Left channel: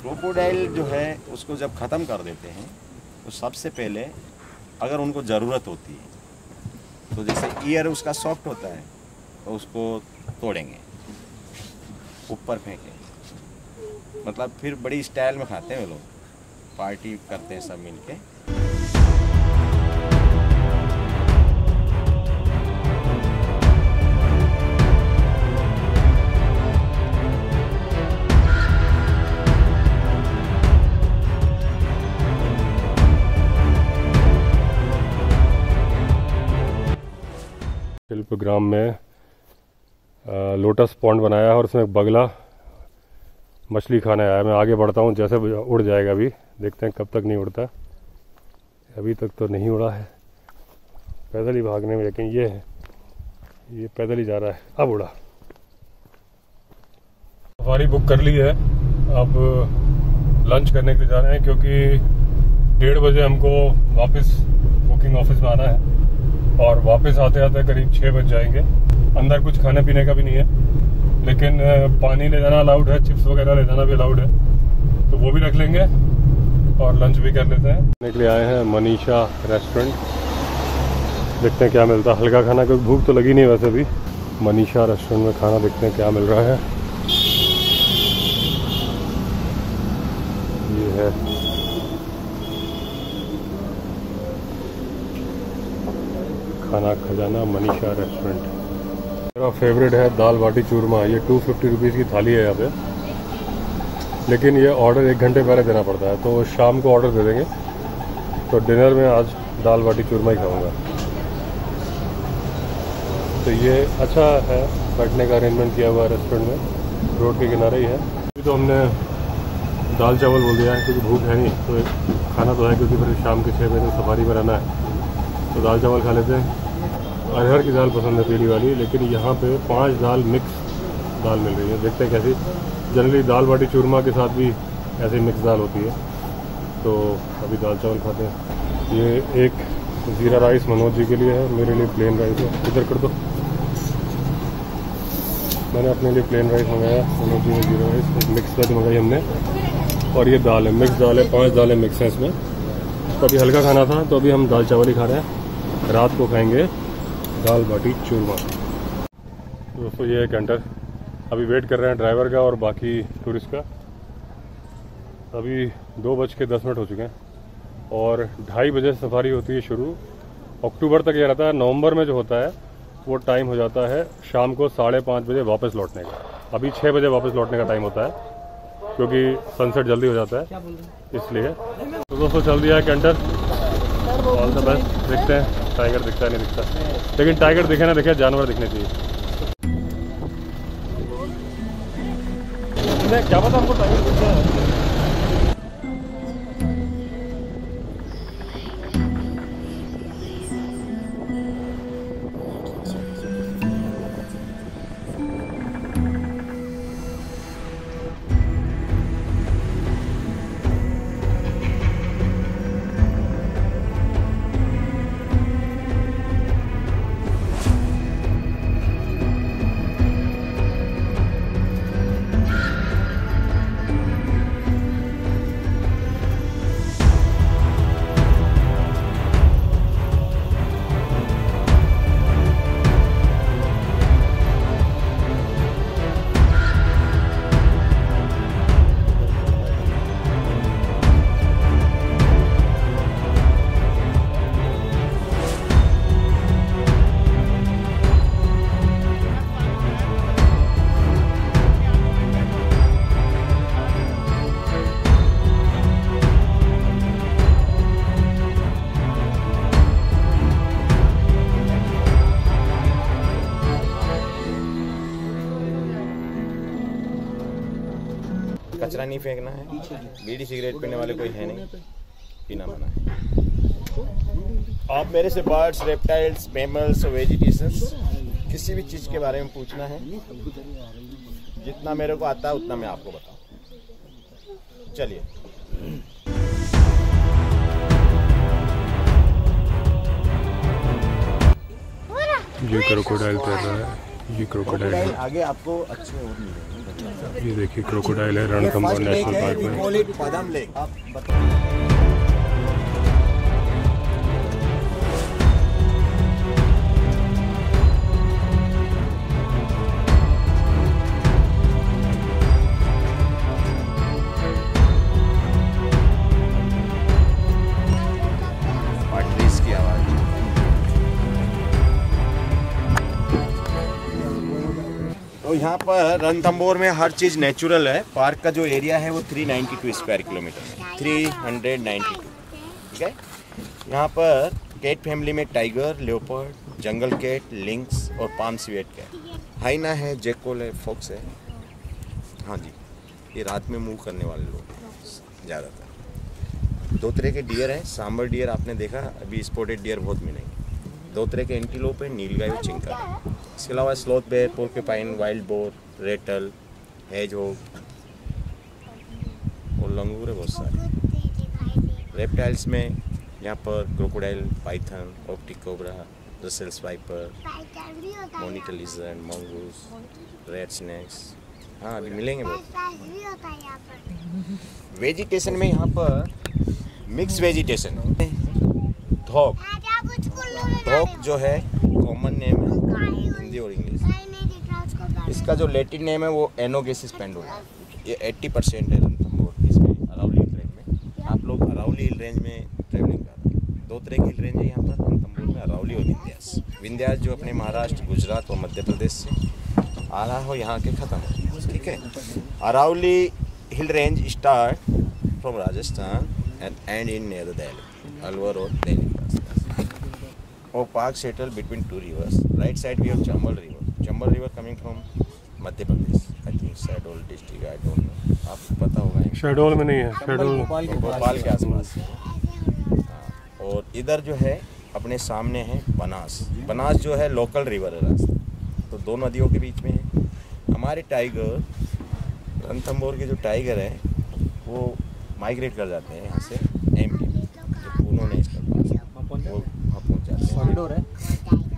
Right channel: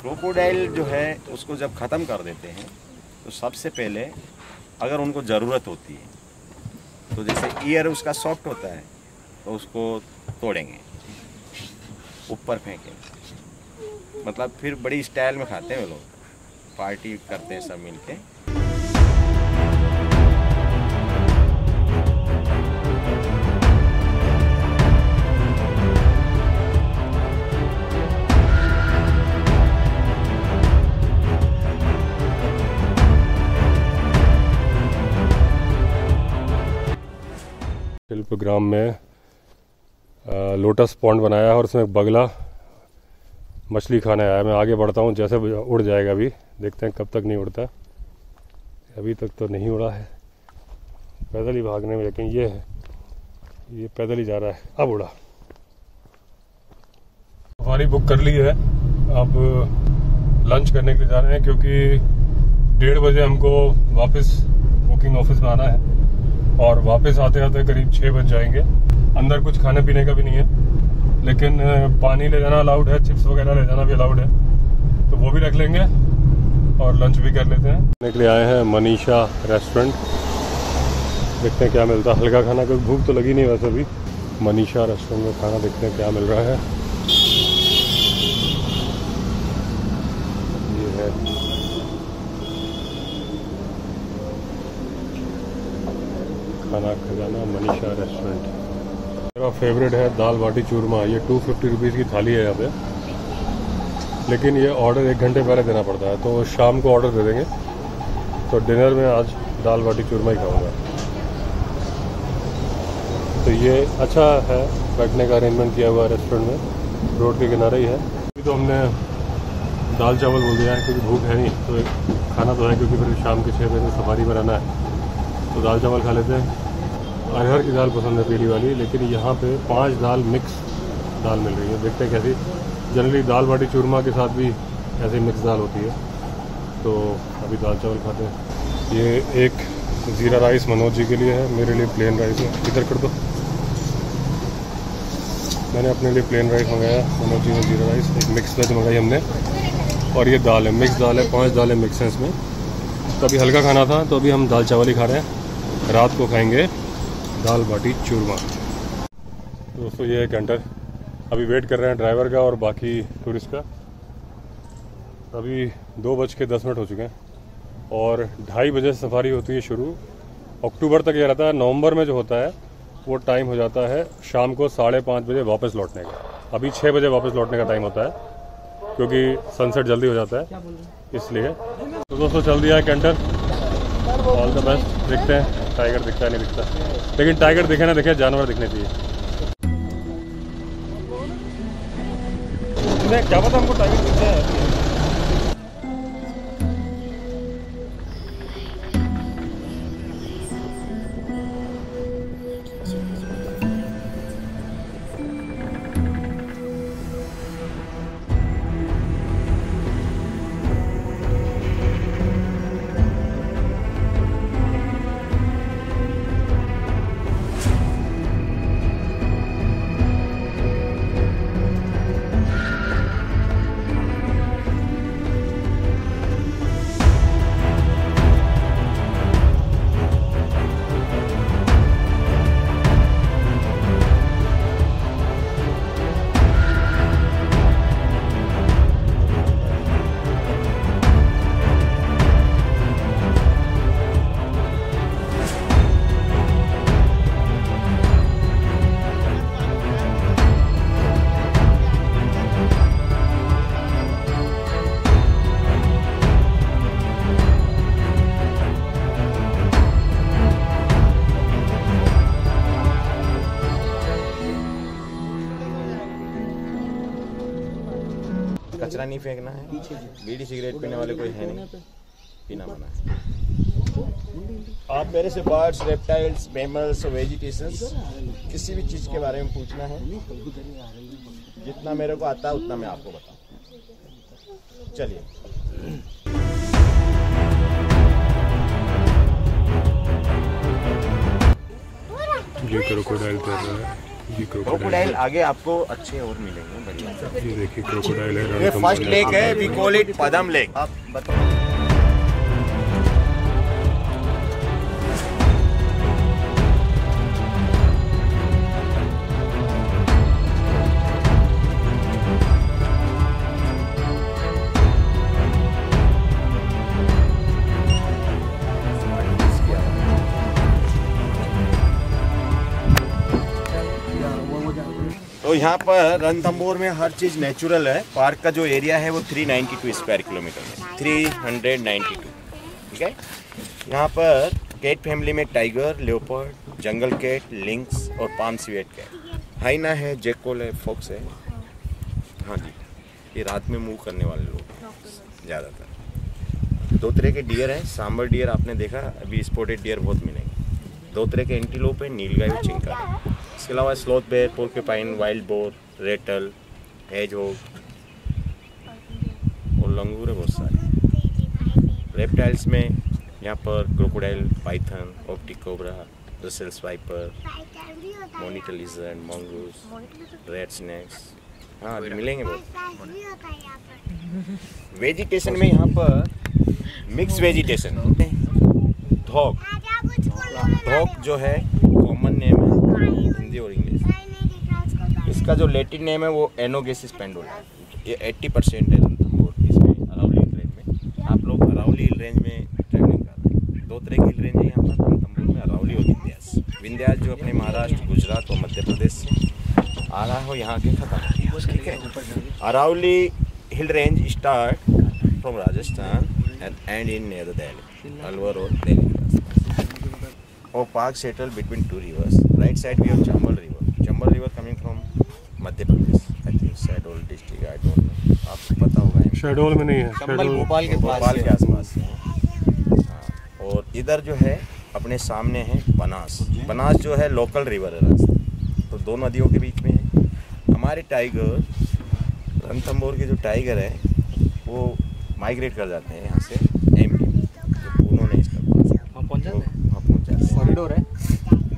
Crocodile जो है उसको जब ख़त्म कर देते हैं तो सबसे पहले अगर उनको ज़रूरत होती है तो जैसे ईयर उसका सॉफ्ट होता है तो उसको तोड़ेंगे, ऊपर फेंकेंगे, मतलब फिर बड़ी स्टाइल में खाते हैं वो लोग, पार्टी करते हैं सब मिलके। शिल्पग्राम में लोटस पॉन्ड बनाया है और उसमें बगला मछली खाने आया है। मैं आगे बढ़ता हूँ, जैसे उड़ जाएगा अभी देखते हैं कब तक नहीं उड़ता। अभी तक तो नहीं उड़ा है, पैदल ही भागने में, लेकिन ये पैदल ही जा रहा है। अब उड़ा। सफारी बुक कर ली है, अब लंच करने के लिए जा रहे हैं क्योंकि 1:30 बजे हमको वापस बुकिंग ऑफिस में आना है और वापस आते आते करीब 6 बज जाएंगे। अंदर कुछ खाने पीने का भी नहीं है, लेकिन पानी ले जाना अलाउड है, चिप्स वगैरह ले जाना भी अलाउड है, तो वो भी रख लेंगे और लंच भी कर लेते हैं। खाने के लिए आए हैं मनीषा रेस्टोरेंट, देखते हैं क्या मिलता है। हल्का खाना, क्योंकि भूख तो लगी नहीं वैसे भी। मनीषा रेस्टोरेंट में खाना देखते हैं क्या मिल रहा है। ये है खाना खजाना मनीषा रेस्टोरेंट। मेरा फेवरेट है दाल बाटी चूरमा। ये 250 रुपीज़ की थाली है यहाँ पे, लेकिन ये ऑर्डर 1 घंटे पहले देना पड़ता है, तो शाम को ऑर्डर दे देंगे। तो डिनर में आज दाल बाटी चूरमा ही खाऊंगा। तो ये अच्छा है, बैठने का अरेंजमेंट किया हुआ है रेस्टोरेंट में, रोड के किनारे ही है। अभी तो हमने दाल चावल बोल दिया है क्योंकि भूख है नहीं, तो खाना तो है क्योंकि फिर शाम के 6 बजे तक सफारी में रहना है, तो दाल चावल खा लेते हैं। अरहर की दाल पसंद है पीली वाली, लेकिन यहाँ पे 5 दाल मिक्स दाल मिल रही है, देखते हैं कैसी। जनरली दाल बाटी चूरमा के साथ भी ऐसी मिक्स दाल होती है, तो अभी दाल चावल खाते हैं। ये एक ज़ीरा राइस मनोज जी के लिए है, मेरे लिए प्लेन राइस है। इधर कर दो, मैंने अपने लिए प्लेन राइस मंगाया, मनोज जी ने ज़ीरा राइस। एक मिक्स वेज मंगाई हमने, और ये दाल है, मिक्स दाल है, 5 दालें मिक्स हैं इसमें। तो अभी हल्का खाना था, तो अभी हम दाल चावल ही खा रहे हैं। रात को खाएंगे दाल बाटी चूरमा। दोस्तों ये है कैंटर, अभी वेट कर रहे हैं ड्राइवर का और बाकी टूरिस्ट का। अभी 2:10 हो चुके हैं और 2:30 बजे सफारी होती है शुरू। अक्टूबर तक ये रहता है, नवंबर में जो होता है वो टाइम हो जाता है शाम को 5:30 बजे वापस लौटने का। अभी 6 बजे वापस लौटने का टाइम होता है क्योंकि सनसेट जल्दी हो जाता है इसलिए। तो दोस्तों चल दिया है कैंटर, ऑल द बेस्ट। देखते हैं टाइगर दिखता है नहीं दिखता, लेकिन टाइगर दिखे ना दिखे, जानवर दिखने चाहिए। क्या पता हमको टाइगर दिख जाए। कचरा नहीं फेंकना है, बीड़ी सिगरेट पीने वाले कोई है नहीं, पीना मना है। आप मेरे से बर्ड्स, रेप्टाइल्स, मैमल्स, वेजिटेशंस, किसी भी चीज़ के बारे में पूछना है, जितना मेरे को आता है उतना मैं आपको बताऊँ। चलिए। ये क्रोकोडाइल तैर रहा है, ये क्रोकोडाइल आगे आपको अच्छे और मिलेंगे बढ़िया। ये देखिए क्रोकोडाइल है, ये फर्स्ट लेक है, we call it Padam lake. आप बताओ। तो यहाँ पर रणथंभौर में हर चीज़ नेचुरल है। पार्क का जो एरिया है वो 392 स्क्वायर किलोमीटर में, 392, ठीक है। यहाँ पर कैट फैमिली में tiger, leopard, jungle cat, lynx और पाम स्वेट कैट, हाइना है, जैकोल है, फॉक्स है। हाँ जी, ये रात में मूव करने वाले लोग हैं ज़्यादातर। 2 तरह के डियर हैं, सांबर डियर आपने देखा, अभी स्पॉटेड डियर बहुत मिलेंगे। 2 तरह के एंटीलोप है, नीलगाय और चिंकार। इसके अलावा sloth bear, porcupine, wild boar, ratel, hedgehog और लंगूर है बहुत सारे। रेप्टाइल्स में यहाँ पर क्रोकोडाइल, पाइथन, ऑप्टिक cobra, Russell's viper, monitor lizard, mongoose, red snakes, हाँ अभी मिलेंगे बहुत। वेजिटेशन में यहाँ पर मिक्स वेजिटेशन है। धोक, धोक जो है कॉमन नेम है हिंदी और इंग्लिश। इसका जो लैटिन नेम है वो एनोगेसिस पेंडुला। ये 80% है रणथंभौर इसमें, अरावली हिल रेंज में। आप लोग अरावली हिल रेंज में ट्रैवलिंग कर रहे हैं। 2 तरह की हिल रेंज है यहाँ पर रणथंभौर में, अरावली और विंध्यास। विंध्यास जो अपने महाराष्ट्र, गुजरात और मध्य प्रदेश से आ रहा हो यहाँ के ख़त्म हो गया, ठीक है। Aravalli hill range start from Rajasthan and in near Delhi, Alwar और दिल्ली के आसपास। और park settle between 2 rivers. Right side we have Chambal River. Chambal River coming from Madhya Pradesh, I think Shahdol district, I don't know, आपको पता होगा। शहडोल में नहीं है, शहडोल भोपाल के आसपास है। हाँ, और इधर जो है अपने सामने है बनास। बनास जो है लोकल रिवर है रास्ता, तो 2 नदियों के बीच में है। हमारे टाइगर, रणथंभौर के जो टाइगर है वो माइग्रेट कर जाते हैं यहाँ से एमपी में, जो पूनो नेशनल पार्क है वो वहाँ पहुँच जाते हैं। कॉरिडोर है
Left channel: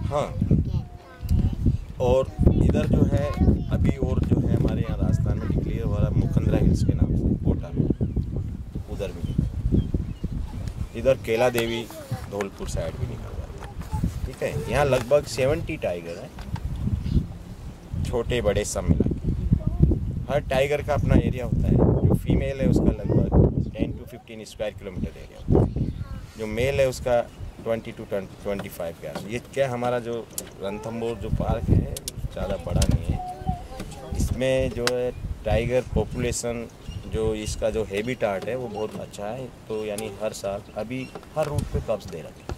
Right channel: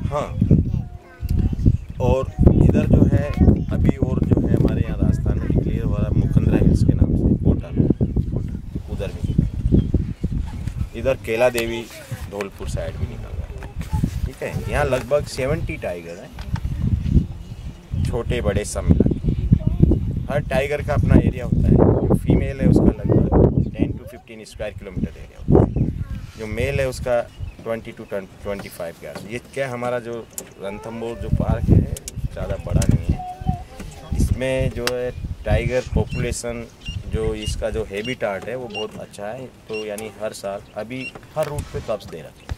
हाँ, और इधर जो है अभी और जो है हमारे यहाँ राजस्थान में डिक्लेयर हो रहा है मुखंदरा हिल्स के नाम से, कोटा में, उधर भी निकल। इधर केला देवी धौलपुर साइड भी निकल जाते हैं, ठीक है। यहाँ लगभग 70 टाइगर हैं, छोटे बड़े सब मिला के। हर टाइगर का अपना एरिया होता है। जो फीमेल है उसका लगभग 10 to 15 स्क्वायर किलोमीटर एरिया होता है। जो मेल है उसका 20 to 25 के आसपास। ये क्या हमारा जो रणथंभौर जो पार्क है ज़्यादा बड़ा नहीं है। इसमें जो है टाइगर पॉपुलेशन, जो इसका जो हैबिटाट है वो बहुत अच्छा है। तो यानी हर साल अभी हर रूट पे कब्ज़ दे रखे हैं,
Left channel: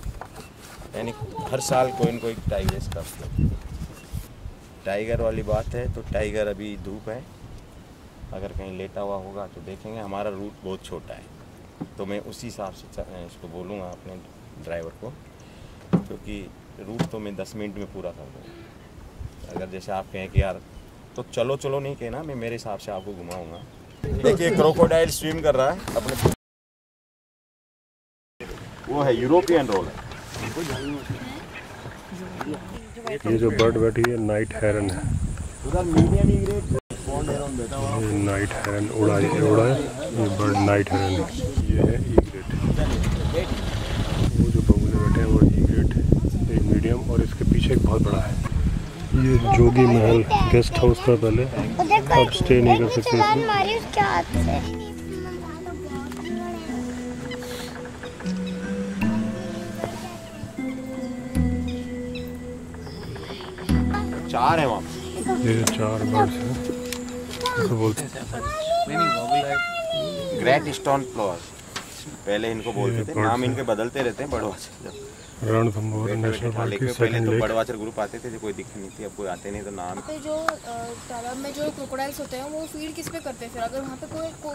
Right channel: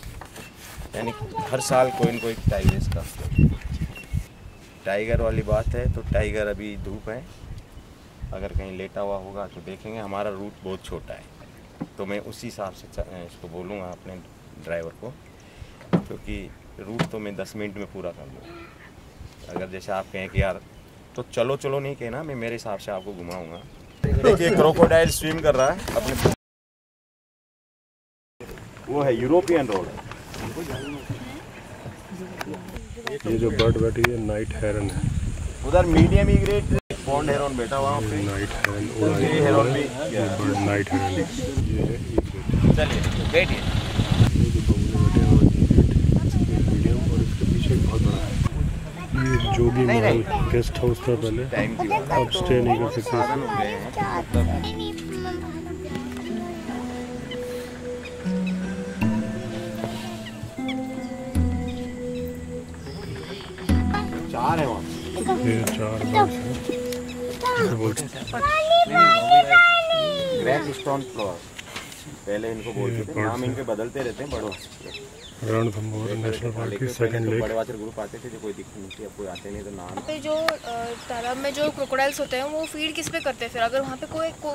यानी हर साल कोई न कोई टाइगर्स कब्ज़ देते हैं। टाइगर वाली बात है तो टाइगर अभी धूप है, अगर कहीं लेटा हुआ होगा तो देखेंगे। हमारा रूट बहुत छोटा है तो मैं उसी हिसाब से इसको बोलूँगा अपने ड्राइवर को, क्योंकि रूट तो मैं 10 मिनट में पूरा कर दूँगा। अगर जैसे आप कहें कि यार तो चलो चलो नहीं कहना, मैं मेरे हिसाब से आपको घुमाऊँगा। देखिए क्रोकोडाइल स्विम कर रहा है अपने, वो है यूरोपियन रोड है। ये जो बर्ड बैठी है नाइट हेरन है। उधर मीडियम ग्रेड बॉन्ड हेरन बैठा हुआ है। नाइट हेरन उड़ा है, ये बर्ड नाइट हेरन। ये है ई ग्रेड। वो जो बगुले बैठे हैं वो ई ग्रेड, एक मीडियम, और इसके पीछे एक बहुत बड़ा है। ये जोगी महल गेस्ट हाउस था पहले, अब स्टे नहीं कर सकते इसमें। 4 है वहाँ। ये 4 बर्ड्स हैं। इनको बोलते ग्रेट स्टोन फ्लावर, पहले इनको बोलते थे, नाम इनके बदलते रहते हैं बड़ों। रणथंभौर नेशनल पार्क की सेकंड लेक। बड़े वाचर ग्रुप आते थे, जो कोई दिक्कत नहीं थी, अब कोई आते नहीं तो नाम। पे जो तालाब में जो क्रोकोडाइल्स होते हैं वो फीड किस पे करते हैं फिर, अगर वहाँ पे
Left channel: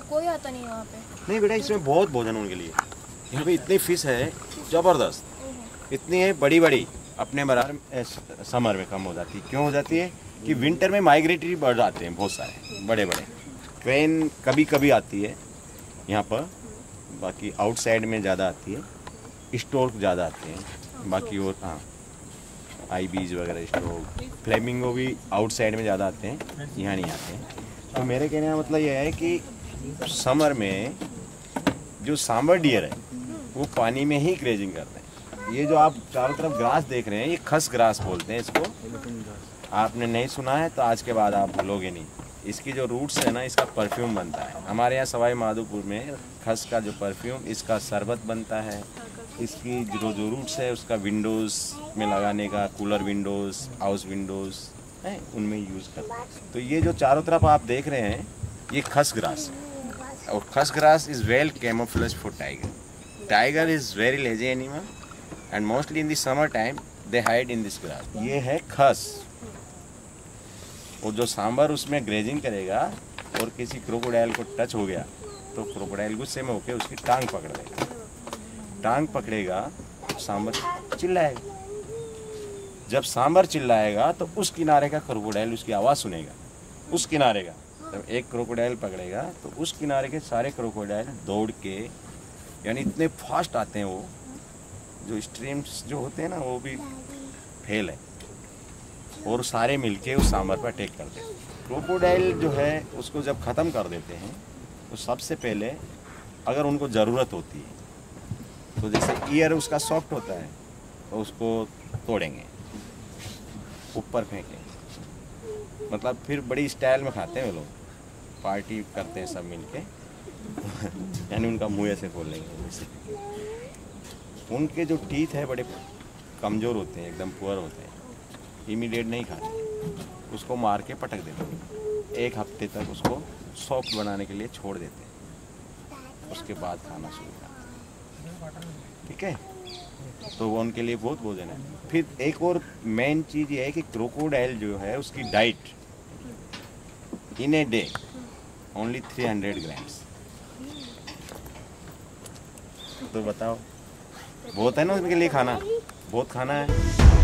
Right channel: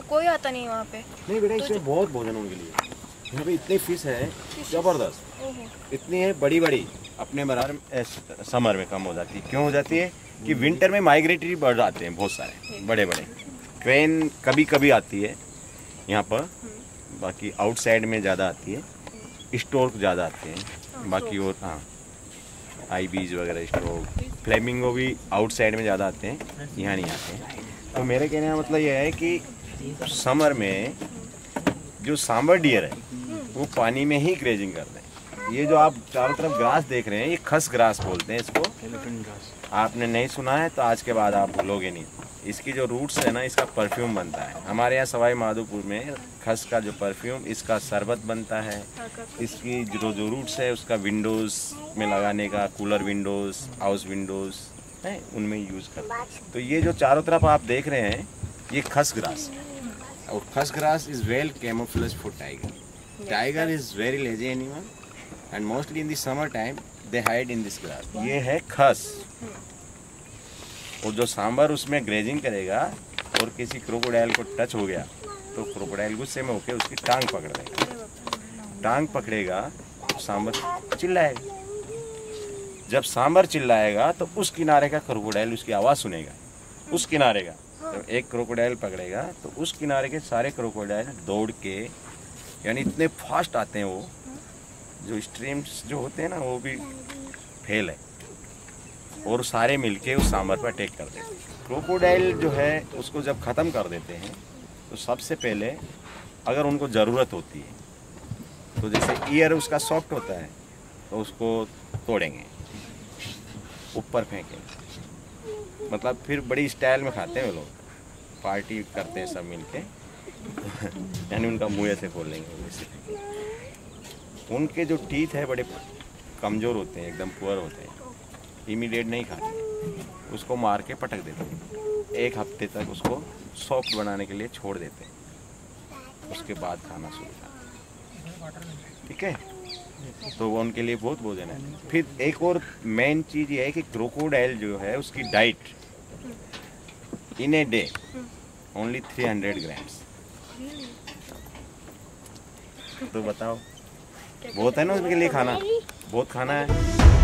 कोई आता नहीं है वहाँ पे? नहीं बेटा, इसमें बहुत भोजन उनके लिए। यहाँ पे इतनी फिश है जबरदस्त, इतनी है बड़ी बड़ी, अपने बराबर समर में कम हो जाती है। क्यों हो जाती है कि विंटर में माइग्रेटरी बर्ड आते हैं बहुत सारे बड़े बड़े। क्रेन कभी कभी आती है यहाँ पर, बाकी आउटसाइड में ज़्यादा आती है, स्टोर्क ज़्यादा आते हैं बाकी। और हाँ, आईबीज वगैरह, स्ट्रोक, फ्लेमिंगो भी आउटसाइड में ज़्यादा आते हैं, यहाँ नहीं आते हैं। तो मेरे कहने का मतलब यह है कि समर में जो सांबर डियर है वो पानी में ही ग्रेजिंग कर रहे हैं। ये जो आप चारों तरफ ग्रास देख रहे हैं, ये खस ग्रास बोलते हैं इसको। आपने नहीं सुना है तो आज के बाद आप भूलोगे नहीं। इसकी जो रूट्स है ना, इसका परफ्यूम बनता है। हमारे यहाँ सवाई माधोपुर में खस का जो परफ्यूम, इसका शरबत बनता है। इसकी जो रूट्स है उसका विंडोज़ में लगाने का, कूलर विंडोज़, हाउस विंडोज़ है, उनमें यूज़ करते हैं। तो ये जो चारों तरफ आप देख रहे हैं ये खस ग्रास है। और खस grass is well camouflage for tiger. Tiger is very lazy animal and mostly in the summer time they hide in this grass. ये है खस। और जो सांबर उसमें ग्रेजिंग करेगा और किसी क्रोकोडाइल को टच हो गया तो क्रोकोडाइल गुस्से में होकर उसकी टांग पकड़ लेगा। टांग पकड़ेगा तो सांबर चिल्लाएगा। जब सांबर चिल्लाएगा तो उस किनारे का क्रोकोडाइल उसकी आवाज़ सुनेगा। उस किनारे का जब एक क्रोकोडाइल पकड़ेगा तो उस किनारे के सारे क्रोकोडाइल दौड़ के, यानी इतने फास्ट आते हैं वो, जो स्ट्रीम्स जो होते हैं ना वो भी फेल है, और सारे मिलके उस सांबर पर अटैक कर देते हैं। क्रोकोडाइल जो है उसको जब ख़त्म कर देते हैं तो सबसे पहले अगर उनको ज़रूरत होती है तो जैसे ईयर उसका सॉफ्ट होता है तो उसको तोड़ेंगे, ऊपर फेंकेंगे। मतलब फिर बड़ी स्टाइल में खाते हैं वो लोग, पार्टी करते हैं सब मिलके यानी उनका मुँह ऐसे खोल लेंगे, वो ऐसे फेंकेंगे। उनके जो टीथ है बड़े कमज़ोर होते हैं, एकदम पुअर होते हैं, इमीडिएट नहीं खाते, उसको मार के पटक देते हैं। एक हफ्ते तक उसको सॉफ्ट बनाने के लिए छोड़ देते हैं, उसके बाद खाना शुरू करते हैं। ठीक है, तो वो उनके लिए बहुत भोजन है। फिर एक और मेन चीज़ ये है कि क्रोकोडाइल जो है उसकी diet in a day only 300 grams. तो बताओ, बहुत है ना उसके लिए खाना, बहुत खाना है।